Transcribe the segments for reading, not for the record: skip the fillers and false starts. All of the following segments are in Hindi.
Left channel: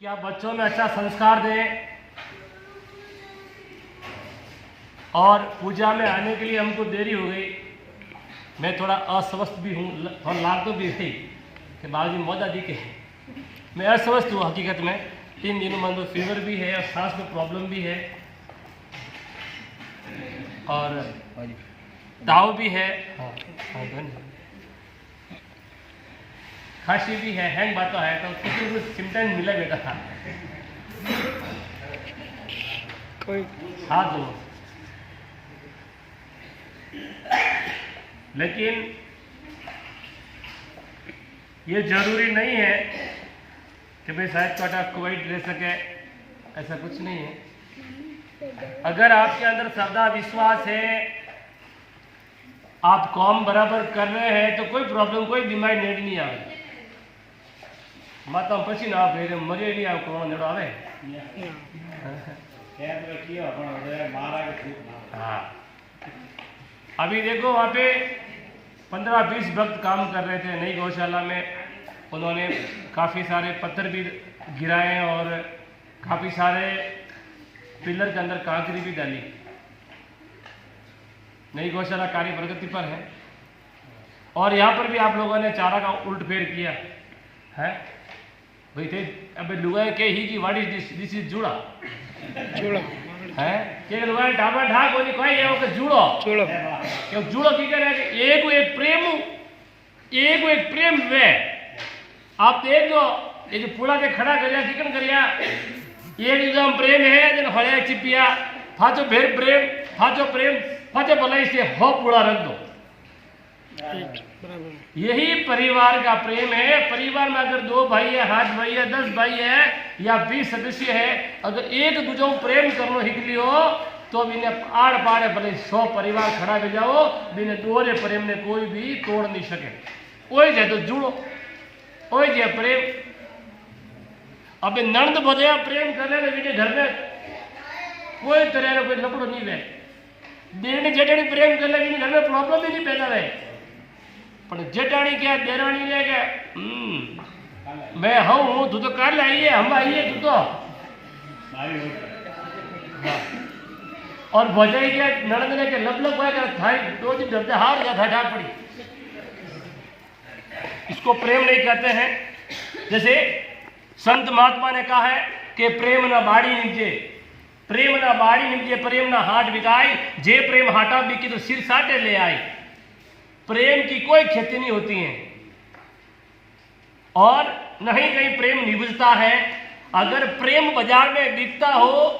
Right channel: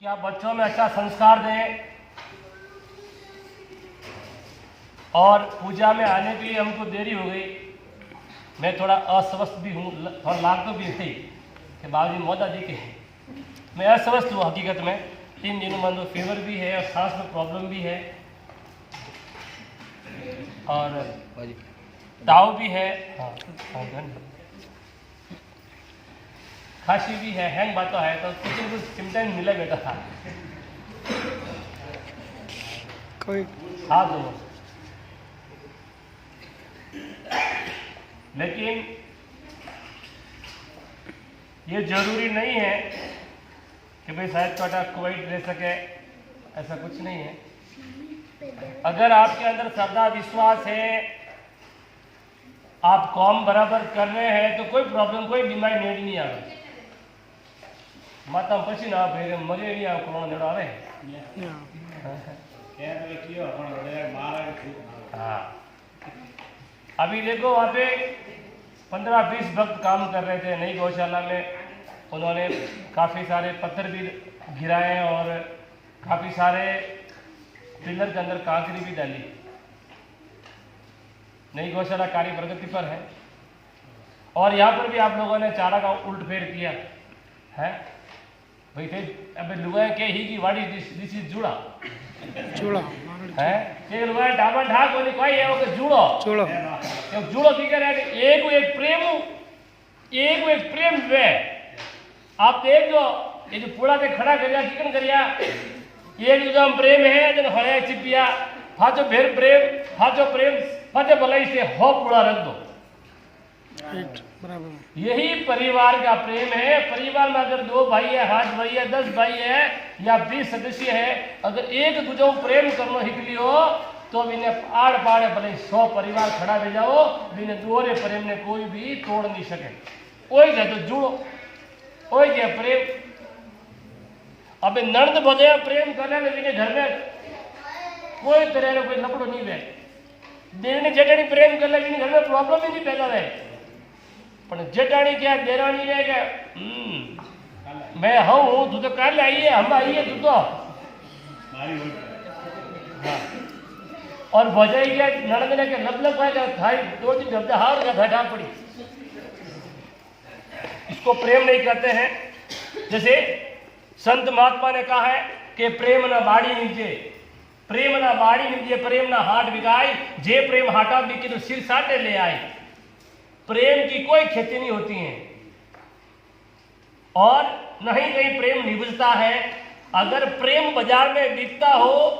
कि आप बच्चों में अच्छा संस्कार दें और पूजा में आने के लिए हमको देरी हो गई। मैं थोड़ा अस्वस्थ भी हूँ, थोड़ा लागू भी थी कि बाबूजी मौजा दी के मैं अस्वस्थ हूँ हकीकत में। 3 दिनों में फीवर भी है और सांस में प्रॉब्लम भी है और ताव भी है, हाँ खांसी भी है, हैंग बाता है, तो कुछ सिम्टम्स मिला बेटा था। हाथ दो, लेकिन ये जरूरी नहीं है कि भाई शायद छोटा कोई ले सके, ऐसा कुछ नहीं है। अगर आपके अंदर श्रद्धा विश्वास है, आप काम बराबर कर रहे हैं तो कोई प्रॉब्लम, कोई बीमारी नहीं आवे। माता पछी ना आप मरे नहीं आओ कौन आवे। हाँ, अभी देखो वहाँ पे 15-20 भक्त काम कर रहे थे नई गौशाला में। उन्होंने काफ़ी सारे पत्थर भी गिराए और काफ़ी सारे पिलर के अंदर कांकरी भी डाली। नई गौशाला कार्य प्रगति पर है और यहाँ पर भी आप लोगों ने चारा का उल्ट फेर किया है। भाई थे अबे लुगाए के ही की वाड़ी दिस इज जुड़ा है के लुगाए ढाबा ढा कोनी कोई है ओके जुड़ो क्यों जुड़ो की करे एक प्रेम वे आप देख जो ये जो पूरा के खड़ा कर लिया चिकन कर लिया एक जो प्रेम है जन होया चिपिया फाचो भेर प्रेम फाचो भलाई से हो पूरा रख दो। यही परिवार का प्रेम है। परिवार में अगर 2 भाई है, 8 भाई है, 10 भाई है या 20 सदस्य है, अगर एक दूजों प्रेम करनो हिक लियो तो इन्हें आड़ पाड़े भले 100 परिवार खड़ा भी जाओ, इन्हें दोहरे प्रेम ने कोई भी तोड़ नहीं सके। कोई जाए तो जुड़ो, कोई जाए प्रेम। अब नंद बजे प्रेम करने लगे घर में कोई तरह का कोई लपड़ो नहीं है। देने जेठानी प्रेम कर लगे घर में प्रॉब्लम भी नहीं पैदा रहे। पर जेठानी क्या देरानी ने क्या मैं हूँ तू तो कर लाइए हम आइए तू तो और बजाई क्या नड़द ने के लब थाई 2 दिन जब हार गया था पड़ी। इसको प्रेम नहीं कहते हैं। जैसे संत महात्मा ने कहा है कि प्रेम ना बाड़ी निजे, प्रेम ना बाड़ी निजे, प्रेम ना हाट बिकाई, जे प्रेम हाटा बिकी तो सिर साटे ले आई। प्रेम की कोई क्षति नहीं होती है और नहीं कहीं प्रेम निभता है। अगर प्रेम बाजार में बिकता हो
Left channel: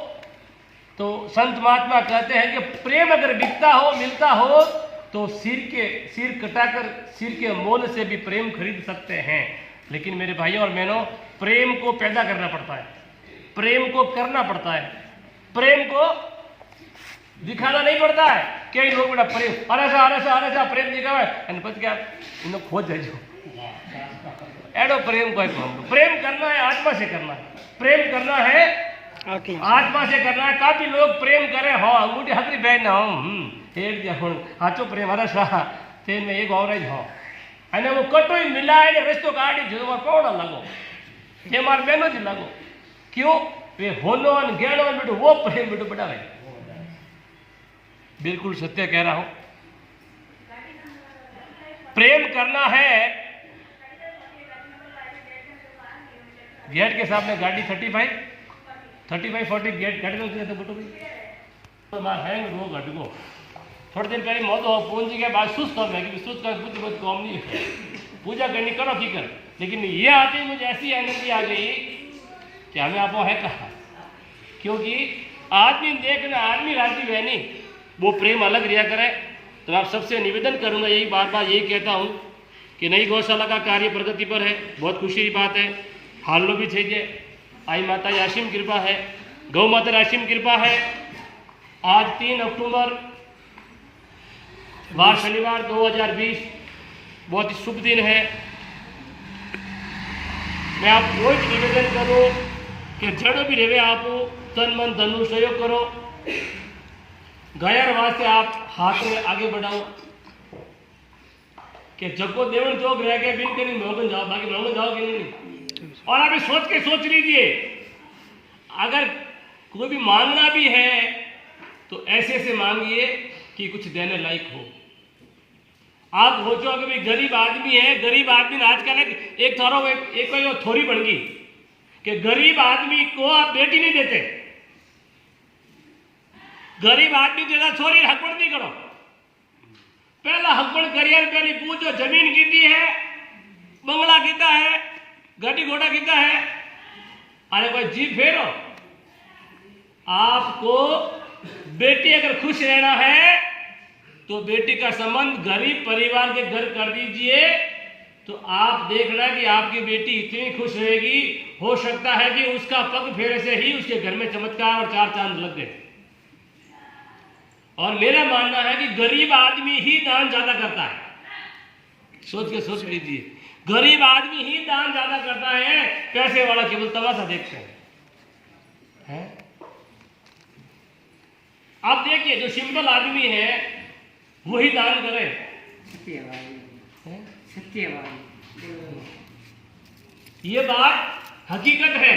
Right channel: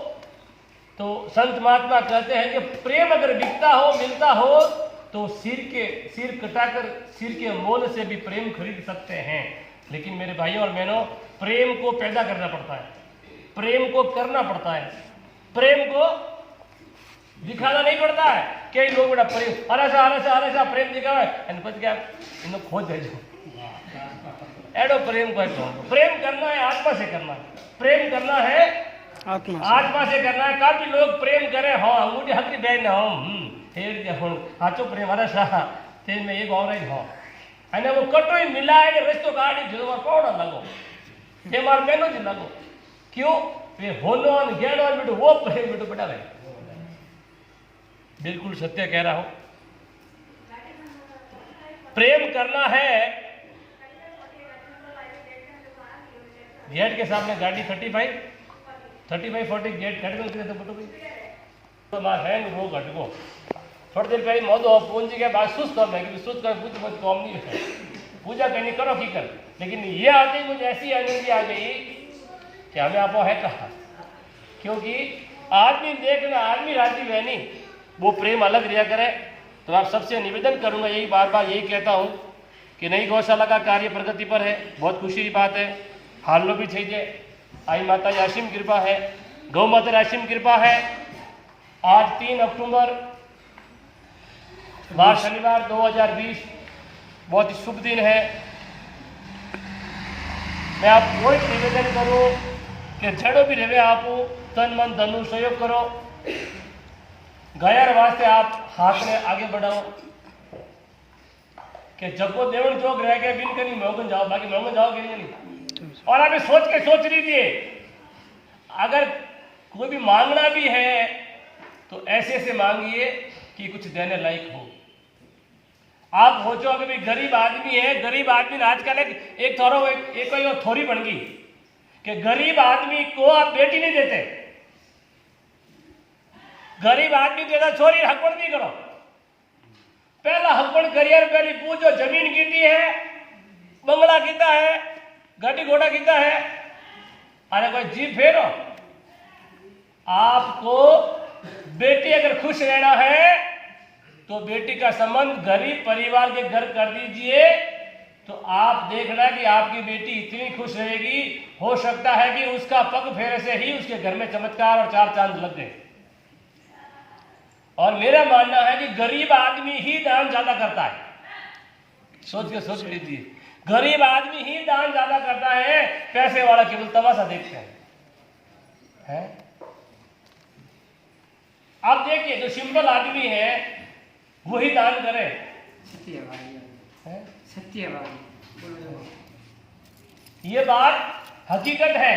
तो संत महात्मा कहते हैं कि प्रेम अगर बिकता हो, मिलता हो तो सिर कटाकर सिर के मोल से भी प्रेम खरीद सकते हैं। लेकिन मेरे भाइयों और बहनों, प्रेम को पैदा करना पड़ता है, प्रेम को करना पड़ता है, प्रेम को दिखाना नहीं पड़ता है। कई लोग बड़ा प्रेम अरे सा प्रेम दिखावे અને પછી क्या इन्हें खोज देजो एडो प्रेम कोई प्रेम करना है आत्मा से करना है। प्रेम करना है आत्मा से करना है। काफी लोग प्रेम करे हो अंगूठी हथरी बहन हो एक जन हाचो प्रेम अरे सा ते में एक और हो અને वो कटोई मिलाए ने रस्तो काढ़ी जो कोण लगो ते मार बेनो जी लगो क्यों वे होनो और गेड़ो बेटो वो प्रेम बेटो बड़ा रहे। बिल्कुल सत्य कह रहा हूं। प्रेम करना है। गेट के सामने गाड़ी 35-40 गेट कट गए तो बटो भाई तो बात है वो घट गो थोड़ी देर पहले मौजूद पूंजी के बाद सुस्त कर लेकिन सुस्त कर कुछ बहुत कम नहीं है। पूजा करनी करो फिक्र, लेकिन ये आते मुझे ऐसी एनर्जी आ गई कि हमें आप है कहा, क्योंकि आदमी देखना आदमी राजी है नहीं, वो प्रेम अलग रिया करे। तो आप सबसे निवेदन करूंगा, यही बार यही कहता हूं कि नई गौशाला का कार्य प्रगति पर है। बहुत खुशी की बात है। हाल भी थे आई माता असीम कृपा है, गौ माता असीम कृपा है। आज 3 अक्टूबर वार शनिवार 2020 बहुत ही शुभ दिन है। मैं आपको एक निवेदन करूं कि जड़ो भी रहे आप तन मन धनु सहयोग करो। गयर वास्ते आप हाथ में आगे बढ़ाओ कि जब को देवन चौक रह गया बिन कहीं मोहन जाओ, बाकी मोहन जाओ कि नहीं और आप सोच लीजिए, अगर कोई भी मांगना भी है तो ऐसे ऐसे मांगिए कि कुछ देने लायक हो। आप सोचो कि भाई गरीब आदमी है, गरीब आदमी ने आजकल एक थोड़ी बन गई कि गरीब आदमी को आप बेटी नहीं देते, गरीब आदमी के छोरी हकपण नहीं करो। पहला हकपण करियर पहली पूछो जमीन कितनी है, बंगला कितना है, गाड़ी घोड़ा कितना है। अरे भाई जी फेरो, आपको बेटी अगर खुश रहना है तो बेटी का संबंध गरीब परिवार के घर कर दीजिए, तो आप देखना कि आपकी बेटी इतनी खुश रहेगी, हो सकता है कि उसका पग फेरे से ही उसके घर में चमत्कार और चार चांद लग गए। और मेरा मानना है कि गरीब आदमी ही दान ज्यादा करता है। सोच लीजिए, गरीब आदमी ही दान ज्यादा करता है, पैसे वाला केवल तमाशा देखता है। आप देखिए जो सिंपल आदमी है वही दान करे। ये बात हकीकत है,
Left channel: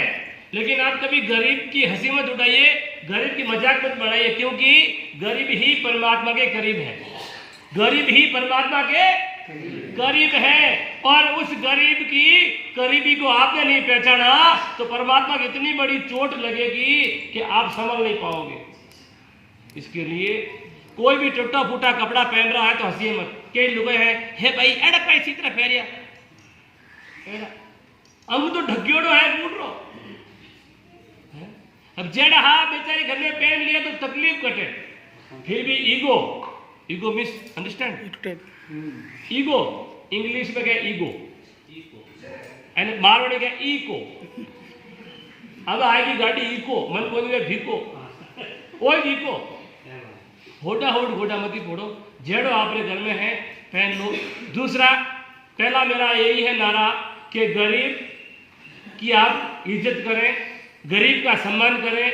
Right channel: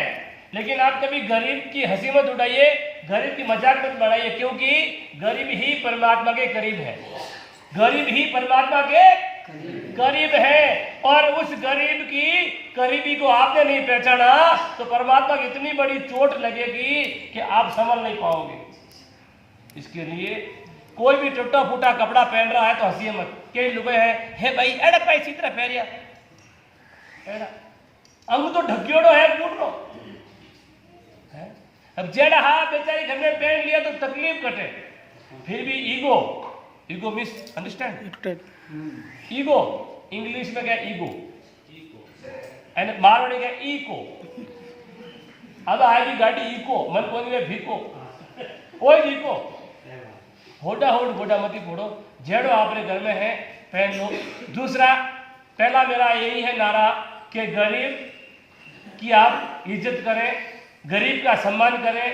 लेकिन आप कभी गरीब की हंसी मत उड़ाइए, गरीब की मजाक मत बढ़ाइए, क्योंकि गरीब ही परमात्मा के करीब है, गरीब ही परमात्मा के करीब है। और उस गरीब की करीबी को आपने नहीं पहचाना तो परमात्मा की इतनी बड़ी चोट लगेगी कि आप संभल नहीं पाओगे। इसके लिए कोई भी टूटा फूटा कपड़ा पहन रहा है तो हंसिए मत। कई लोग हैं, हे भाई एड़ा का इसी तरह पहनिया, अंग तो ढकियोड़ो है पूट रो। अब जेड़ा हा बेचारी घर में पहन लिया तो तकलीफ कटे, फिर भी ego miss understand, ego English में क्या ईगो, मारवाड़ी क्या ईको। अब आएगी गाड़ी ईको, मन को नहीं भीको, ओ भीको, होड़ा मत फोड़ो, जेड़ो आपने घर में है पहन लो। दूसरा, पहला मेरा यही है नारा कि गरीब की आप इज्जत करें, गरीब का सम्मान करें।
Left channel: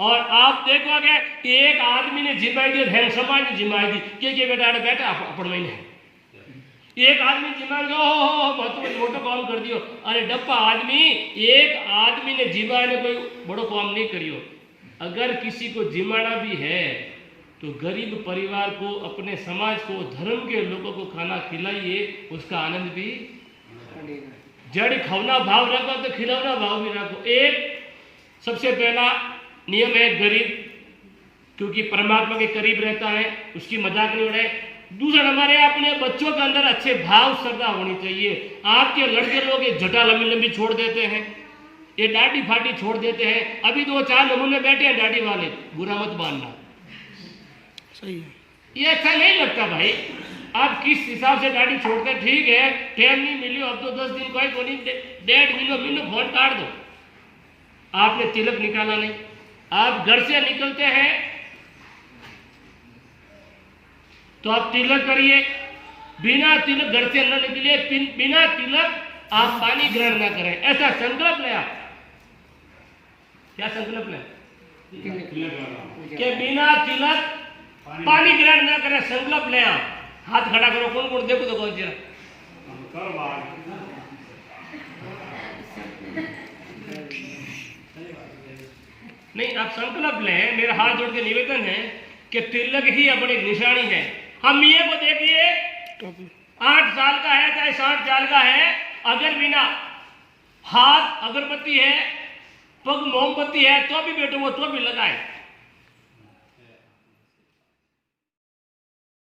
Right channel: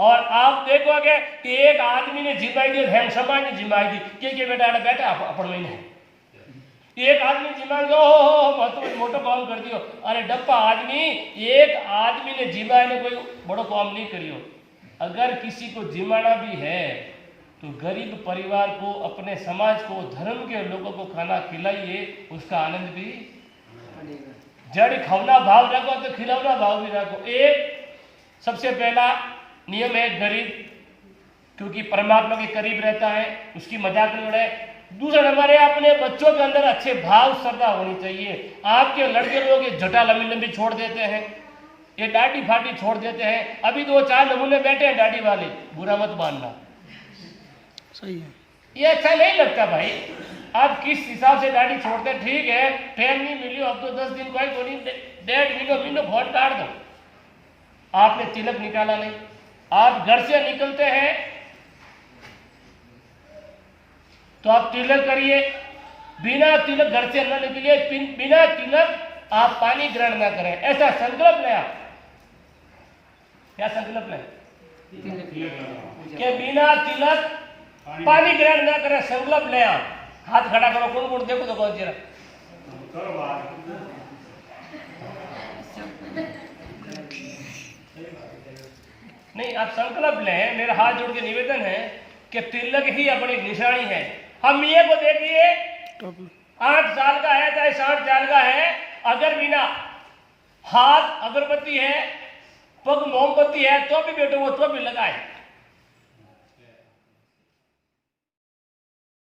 और आप देखोगे कि एक आदमी ने जिम्माई दी, हेम समाज ने जिम्माई दी कि बेटा अपन में है। एक आदमी जिम्माई हो मोटो काम कर दियो। अरे डप्पा आदमी, एक आदमी ने जिम्माई ने कोई बड़ो काम नहीं करियो। अगर किसी को जिम्माना भी है तो गरीब परिवार को, अपने समाज को, धर्म के लोगों को खाना खिलाइए, उसका आनंद भी जड़ी खवना भाव रखो तो खिलौना भाव भी रखो। एक सबसे पहला नियम है गरीब, क्योंकि परमात्मा के करीब रहता है, उसकी मजाक नहीं उड़ाए। दूसरा नंबर है अपने बच्चों के अंदर अच्छे भाव श्रद्धा होनी चाहिए। आपके लड़के लोग ये जटा लंबी लंबी छोड़ देते हैं, ये डाडी फाटी छोड़ देते हैं। अभी 2-4 नमूने बैठे हैं दाढ़ी वाले, बुरा मत मानना, ये अच्छा नहीं लगता भाई। आप किस हिसाब से दाढ़ी छोड़ते, ठीक है टाइम नहीं मिली अब तो 10 दिन कोई नहीं, 1.5 महीनों फोन काट दो। आपने तिलक निकाला नहीं, आप घर से निकलते हैं तो आप तिलक करिए, बिना तिलक घर से न निकलिए, बिना तिलक आप पानी ग्रहण न करें, ऐसा संकल्प लें। आप क्या संकल्प लें कि बिना तिलक पानी ग्रहण न करें, संकल्प लें। आप हाथ खड़ा करो, कौन देखो तो कौन जरा नहीं, आप संकल्प लें। मेरा हाथ जोड़ के निवेदन है कि तिलक ही अपनी निशानी है। हम ये को देखिए, 8 साल का है चाहे 60 साल का है, अगर बिना हाथ अगरबत्ती है, पग मोमबत्ती है तो भी बेटो वो तो भी लगाए।